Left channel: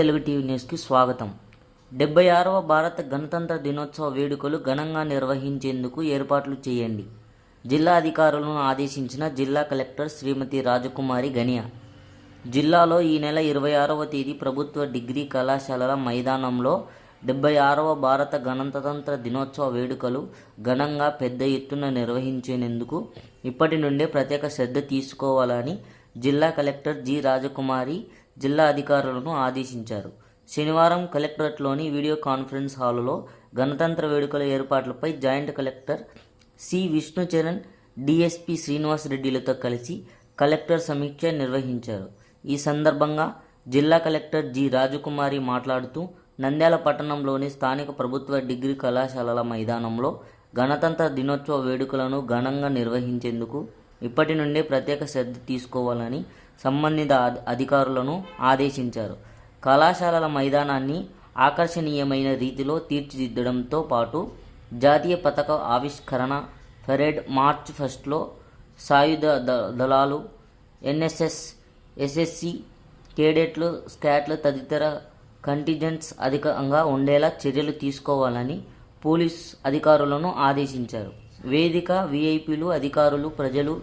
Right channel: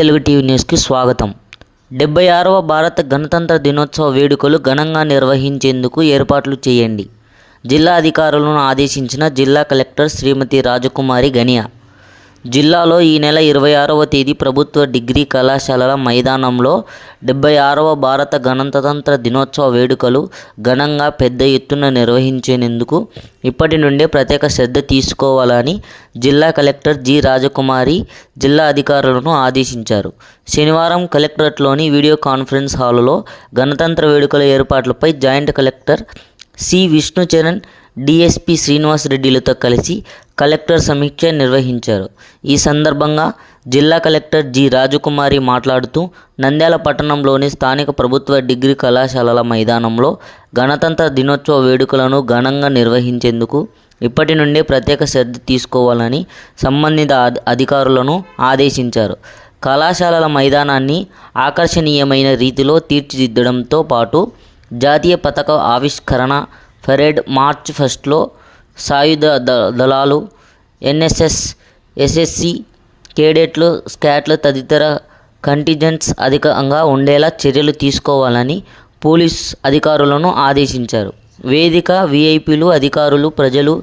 Telugu TV న్యూస్కి స్వాగతం. 76వ భారత గణతంత్ర దినోత్సవ వేడుకలు ఘనంగా నిర్వహించేందుకు ఏర్పాట్లు చేయండి. జిల్లా అధికారులను ఆదేశించిన జిల్లా కలెక్టర్ శ్రీమతి రాజకుమారి గనియా. జిల్లాలో ఈ నెల 26వ తేదీ ప్రభుత్వ డిగ్రీ కళాశాలల మైదానంలో 76వ భారత గణతంత్ర దినోత్సవ వేడుకలు ఘనంగా పెద్ద ఎత్తున నిర్వహించేందుకు ఇప్పటి నుండే ప్రత్యేక శ్రద్ధ తీసుకోవాలని జిల్లా కలెక్టర్ జి రాజకుమారి జిల్లా అధికారులను ఆదేశించారు. శనివారం కలెక్టరేట్లోని వీడియో కాన్ఫరెన్స్ హాలులో గణతంత్ర వేడుకల ఏర్పాట్లపై joint collector C Vishnucharan, DSP Srinivas రెడ్డిలతో కలిసి కలెక్టర్ సమీక్ష నిర్వహించారు. ఈ సందర్భంగా జిల్లా కలెక్టర్ జి రాజకుమారి మాట్లాడుతూ, నంద్యాల పట్టణంలోని స్థానిక ప్రభుత్వ డిగ్రీ కళాశాలల మైదానంలో గణతంత్ర దినోత్సవ వేడుకలను ఘనంగా నిర్వహించేందుకు ఇప్పటి నుండే ప్రత్యేక శ్రద్ధ తీసుకోవాలని సంబంధిత అధికారులను ఆదేశించారు. కళాశాలల మైదానాన్ని ఆకర్షణీయమైన రీతిలో తీర్చిదిద్దడంతో పాటు జాతీయ పతాక ఆవిష్కరణ, పరేడ్, మార్చ్ ఫస్ట్లో సాయుధ దళాలు, ఎన్ఎస్ఎస్, ఎస్ఎస్సి కేడెట్లు, స్కాట్లు తదితర కంటింజెంట్స్ అధికంగా ఉండేలా చర్యలు తీసుకోవాలని పోలీస్ అధికారులను ఆదేశించారు. వేదిక, విఐపీలు, అధికారులు, ప్రజలు